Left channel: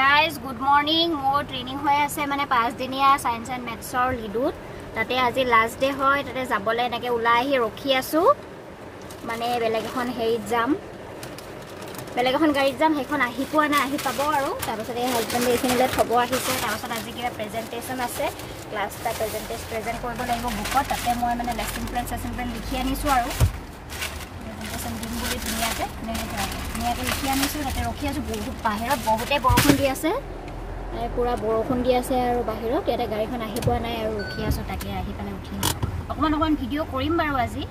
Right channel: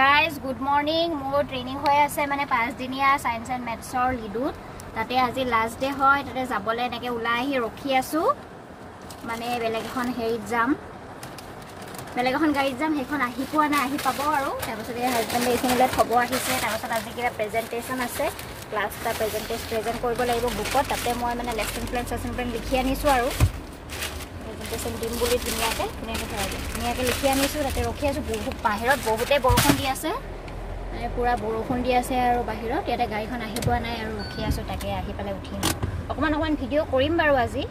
Guys, good morning. More training hoy ase mane 5 dinia science and maths or lidut. Tate aji last day hoy tate jabole enake ulai ahi rokhi asu. Mane beleg ekhon heri jam. Beleg ekhon gari jam hekhon ahi poa na ahi pabo aru. Tarosore husband ekhonile thobo ahise. Tarosore aji kira presentation ase. Class ta present koribo lagibo bookot tate moi mane lesson plan likhi anisu aru. Presentation dim boli duniake নিয়াকে লিখি আনিছো তাতে ৰখি আছো বহুত বাহিৰত বহুতে বৰষুণ দি আছে পুৰা বৰষুণ দি আছে আৰু বাহিৰত ইয়াতে গাড়ীখন আহি পোৱা নাই আৰু ৰখি আছো তাকে আহি পালে উঠিম অকমান ভিডিও কৰিম বাৰু আজি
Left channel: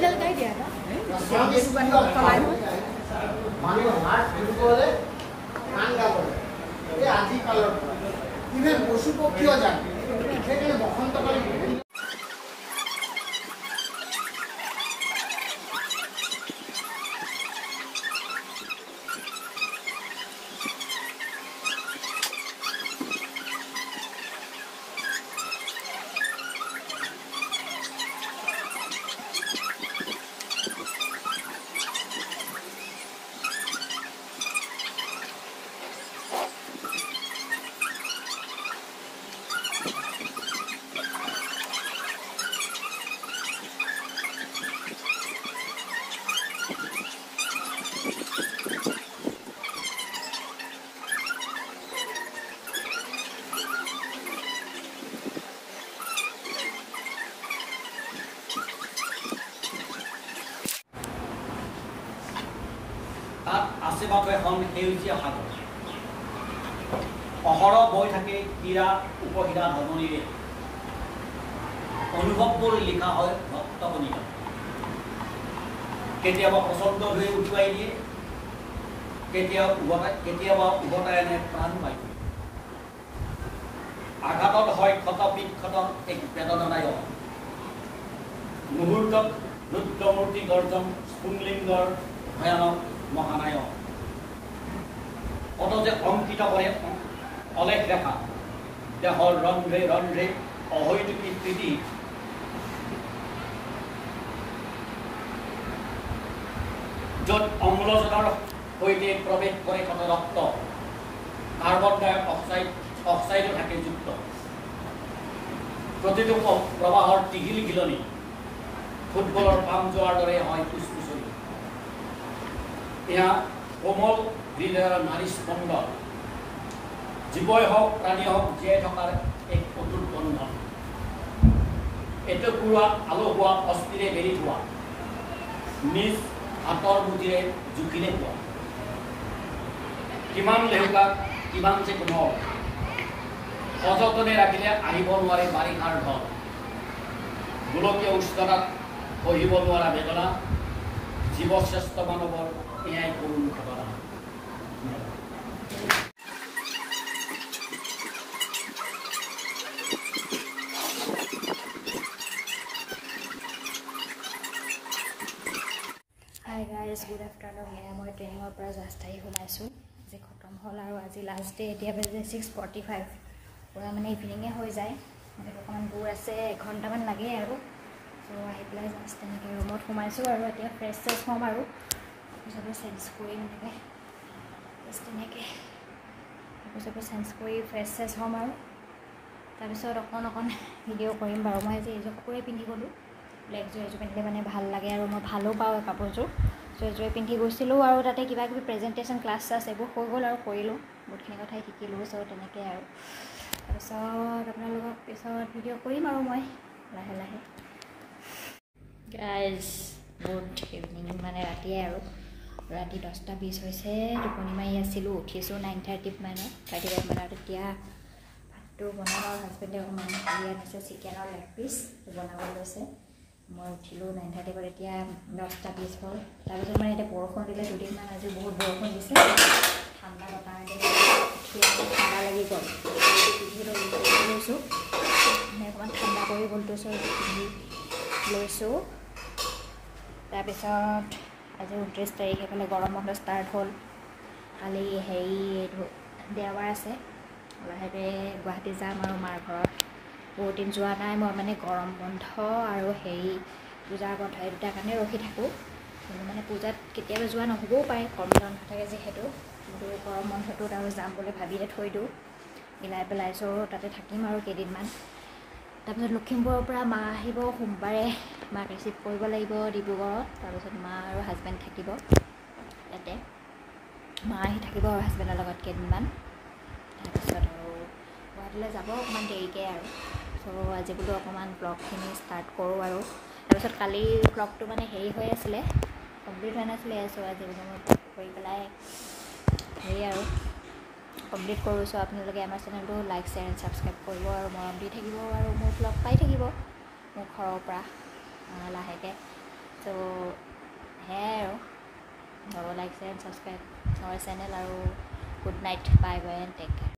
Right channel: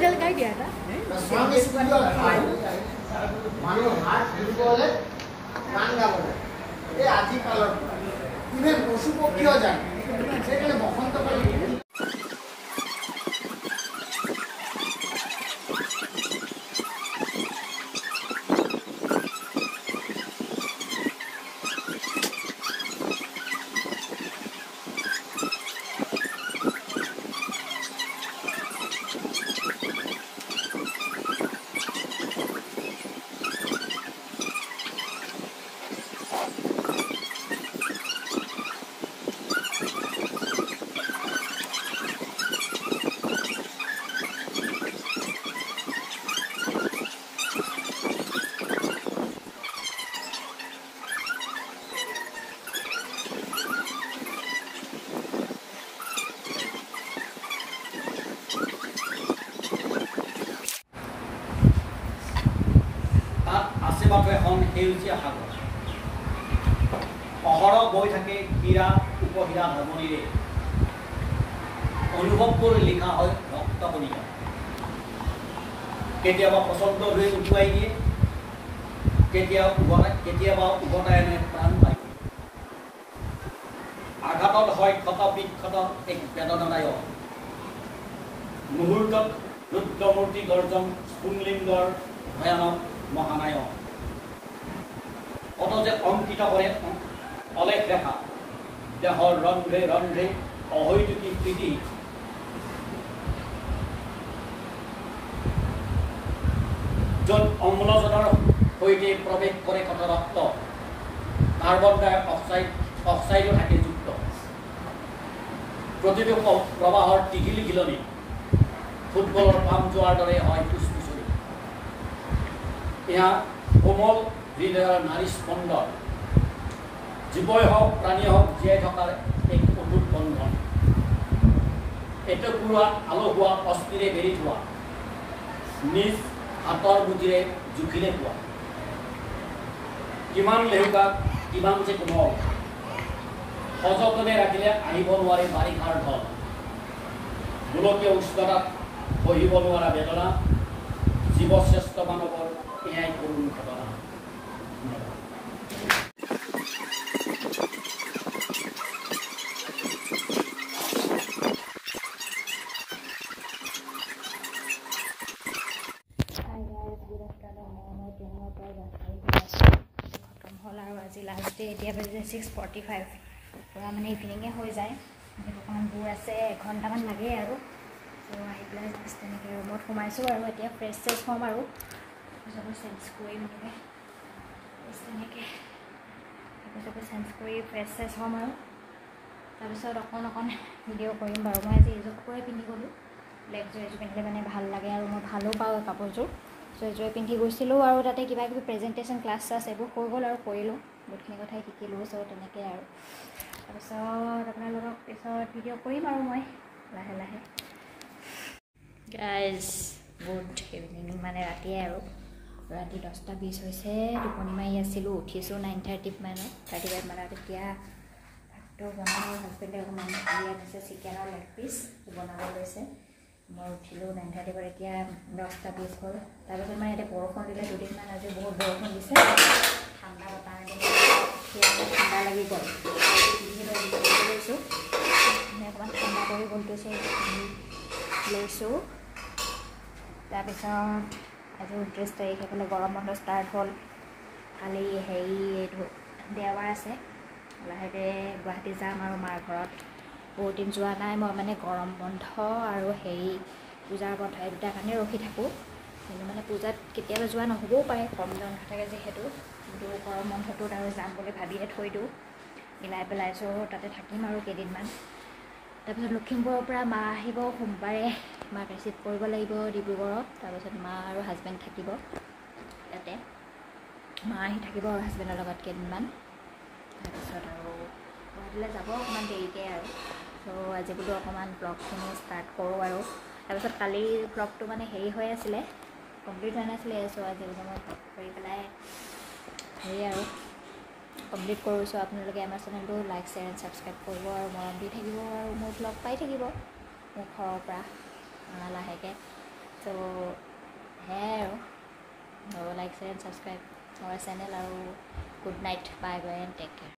musical ka dia ta mani har bole গান গাবলে এই আজি কালৰ ইভেন পশু পক্ষীও যায় সেখানে বসন্তকালে এখন সেউজীয়া সাগৰ অহৰহ বৈ থাকে হীৰা উপহীৰা ধমনীৰে অনুভৱবোৰ লিখা হয় ৰক্তকণিকা কেতিয়াবা প্ৰচণ্ড হৈ উঠুৱাই দিয়ে কেতিয়াবা উভতাই আনে প্ৰাণ পায় আঘাতত হয় ক্ষত বিক্ষত এক বেদনাদায়ক মুহূৰ্তত ৰুদ্ৰমূৰ্তি গৰ্জন স্ফুংলিংগৰ ভয়ানক মহানায়ক কত যে অঙ্কিত কৰে অলেখ ৰেখা দেহৰ ৰন্ধ্ৰে ৰন্ধ্ৰে অহৈতুকী প্ৰীতি যত অম্লজনৰ সৈতে প্ৰৱেশ কৰে কত ৰক্ত কাৰ্বন ডাই অক্সাইডো থাকে যুক্ত প্ৰতিটো প্ৰবাহৰ টিঘিল গিলনি ফুটবলৰ পাম যোৱাৰ দৰে হয় ফুসফুসনি এয়া কোমল হৃদয়ৰ নাৰী স্পন্দ জীৱই হওক প্ৰাণী হওক জীয়াই থকাৰ এক অটুট বন্ধন এটুকুৰা আলহুৱা অস্থিৰে বেৰি থোৱা নিজ হাতৰ মুঠিৰে জুখিলে খোৱা কিমান লেহুকা কিমান যে কোমল সযতনে ৰাখিলে আহিব নোৱাৰে বাৰিষাৰ ঢল গোলকীয় উষ্ণতাত সহিব নোৱাৰা বেদনা জীৱশ্ৰেষ্ঠ মানৱৰ এয়াই কৰুণ ঘটনা গুড আফটাৰনুন এয়া মই ট্ৰেইনিঙৰ পৰা জাষ্ট আহি হৈ আছোঁ আজি খতম হ'ল আৰু আজি লাষ্ট ডে এতিয়া বাজিছে 6:45 পূৰা মানে ইভিনিঙে হৈ যায় মানে অকণমান দূৰ আছে এঘণ্টামান লাগে আৰু চ' আহি পেলাই জাষ্ট তেনেকৈ ৰুমত সোমাইছোঁ আৰু এতিয়া ফ্ৰেছ চেছ হ'ম আৰু চবে চেঞ্জ কৰি এনেকৈ তেনেকৈ চবে চেঞ্জ কৰি ফ্ৰেছ চেছ হ'ম আৰু তাৰপিছত অকণ ভিডিঅ' কৰিম বাৰু মই আজি এইযোৰ কাপোৰে পিন্ধি গ'লোঁ ব্লেক যোৰ এযোৰ পিন্ধিলে মানে ভাল লাগে আৰু মই ভালো পাওঁ এই কাপোৰযোৰ চ' এযোৰে পিন্ধি গৈছিলোঁ আৰু তাতে কিবা কিবি প্ৰেজেণ্টেশ্যন ক্লাছ চাছ এইবোৰ হৈ গ'ল আৰু কৰিলোঁ বহুতখিনি কথাই শিকিলোঁ চ' তেনেকৈ আৰু তাৰপিছত আপোনালোকক পিছত ভিডিঅ' কৰিম আৰু মই লাহে লাহে গাইজ গুড ইভিনিং মানে ৰাতিয়ে আৰু ৰাতি 10:20 হৈছে টোপনি মাৰি আছিলোঁ উঠিছোঁ 9:30 মানত 35 মানত এতিয়া ভাতটো বনাম আৰু হাজবেণ্ডে অকণমান ইয়াত আছে চিকেনৰ লেগ পিচ বনাব লৈছে মই উঠিলোঁ 9:30 পৰা এতিয়া 10:20 হ'ল তাৰপিছত মানে এতিয়া বৰষুণ দিলে দুদিনমান আজি বহুত বৰষুণ দিছে ঠাণ্ডা বতাহ ঠাণ্ডা লাগি গ'ল পিন্ধি লৈছোঁ মানে অকণমান ঠাণ্ডা কৰি গ'লটো চ' পিন্ধি লৈছোঁ তাৰপিছত আজি 29 তাৰিখ এইফালে গৰম বন্ধ ষ্টাৰ্ট হ'ল কালি হেৰি এইটো দেওবাৰ আছে লাহেকৈ গুৱাহাটী যাম আৰু মাৰ ঘৰত বহুত দিন যোৱা নাই মই মানে গৰম বন্ধ আৰু হেৰি পূজাৰ বন্ধ এই দুটাৰ কাৰণে ৰখি থাকোঁ কিন্তু মানে পূজাত কেতিয়াবা যোৱা নহ'বও পাৰে কম দিন নাথাকে যিহেতু কিন্তু গৰম বন্ধটোত আৰু যাম বুলি ভাবিয়ে থৈ দিওঁ মিলাই পেলাই চ' তাতে থাকিম আৰু কেইদিনমান তাৰপিছত লখিমপুৰৰ পৰা মা আহিব সোমবাৰে মাক ৰিচিভ কৰিব লাগিব ডিব্ৰুগড়ত তাৰপিছত মা আৰু হাজবেণ্ড থাকিব তাতে মা আহি থাকিব আৰু হাজবেণ্ডৰ লগত কেইদিনমান তাৰপিছত আৰু গুৱাহাটীলৈ যাব অকণমান দেৰিকৈ আৰু চ' আজি বোলো অকণমান ব্লগখিনি ষ্টাৰ্ট কৰোঁ আৰু তাৰপিছত কালি ব্লগটো মানে হেৰি হৈ আছিলে কমপ্লিট হোৱা নাছিলে চ' আজি বোলো মই কৰি পেলাই হেৰি আৰু কমপ্লিট কৰোঁ চ' আপোনালোকে আমাৰ চেনেলটো লাইক শ্বেয়াৰ এণ্ড ছাবস্ক্ৰাইব কৰিব আৰু মৰম দি থাকিব আৰু মোৰ ব্লগ পাই থাকিব মোৰ ঘৰৰ পৰা লাহেকৈ তো সেয়াই আৰু লাইক শ্বেয়াৰ এণ্ড ছাবস্ক্ৰাইব আমাৰ চেনেল আৰু good night bye bye and take care